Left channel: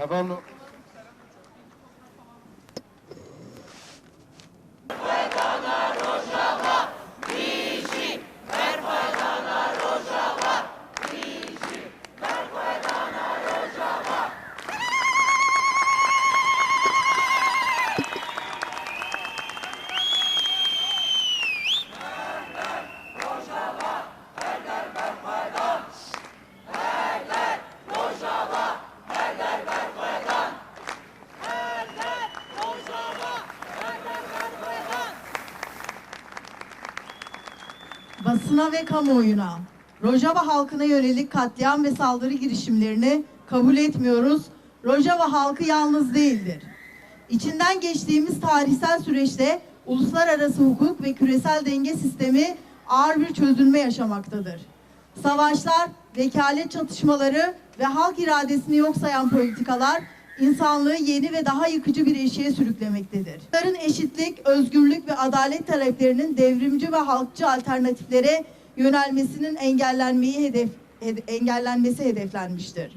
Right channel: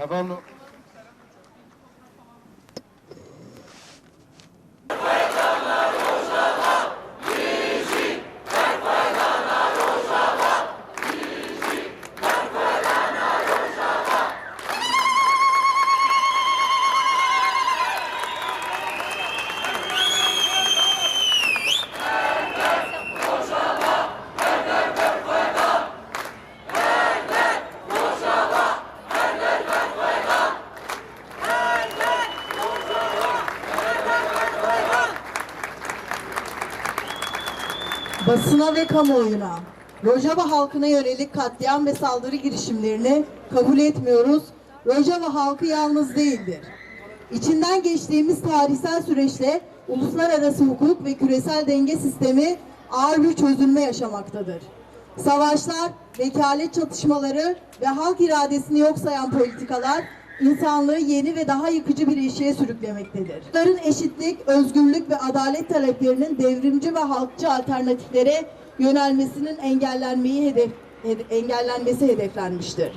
Cavallo. Basına ve kamuoyuna, Rojava halkına yönelik katliam ve saldırı girişimlerini kabul etmiyoruz. Rojava halkı yalnız değildir. İçinden geçtiğimiz tarihsel süreçte uluslararası hukuk ve küresel denge sistemi ağır bir çözülme yaşamaktadır. Savaşlar, vekalet çatışmaları ve halk iradesini yok sayan politikalar insanlığı yeni ve daha yıkıcı bir ilişkiye sürüklemektedir. Bunların eşitlik, özgürlük ve adalet taleplerinin devrimci ve halkçı alternatiflere yönelmesinin engellenmesi hedeflenmiştir.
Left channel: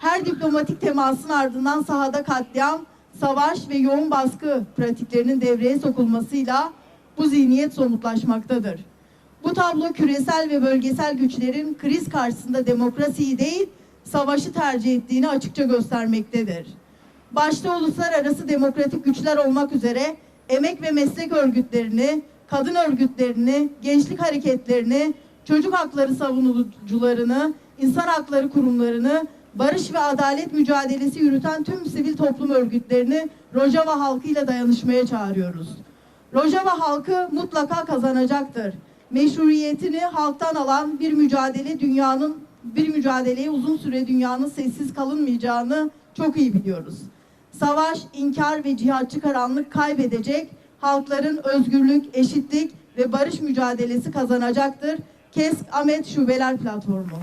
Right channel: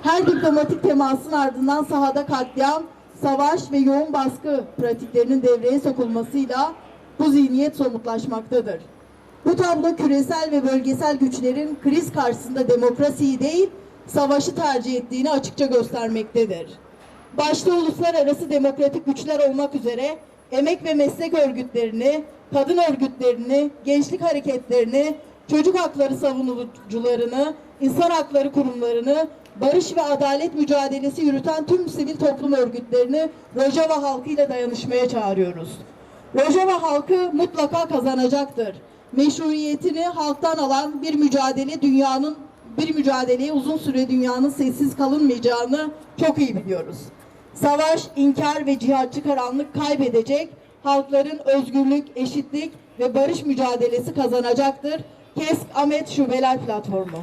Her diplomatik temasın ardından sahada katliam, savaş ve yoğun baskı pratiklerinin devreye sokulmasıyla bu zihniyet somutlaşmaktadır. Bu tablo küresel ve bölgesel güçlerin kriz karşısında demokrasiyi değil, savaşı tercih ettiğini açıkça göstermektedir. Başta uluslararası demokratik güçler olmak üzere emek ve meslek örgütlerini, kadın örgütlerini, gençlik hareketlerini, çocuk hakları savunucularını, insan hakları kurumlarını, barış ve adalet mücadelesi yürüten tüm sivil toplum örgütlerini Rojava halkıyla dayanışmaya çağırıyoruz. Rojava halkı mutlaka kazanacaktır. Meşruiyetini halktan alan bir mücadeleye uzun süre dünyanın sessiz kalınmayacağını çok iyi biliyoruz. Savaş, inkar ve cihatçı karanlık kaybedecek, halkların özgürlük, eşitlik ve barış mücadelesi kazanacaktır. KESK Ahmet Şubeler Platformu.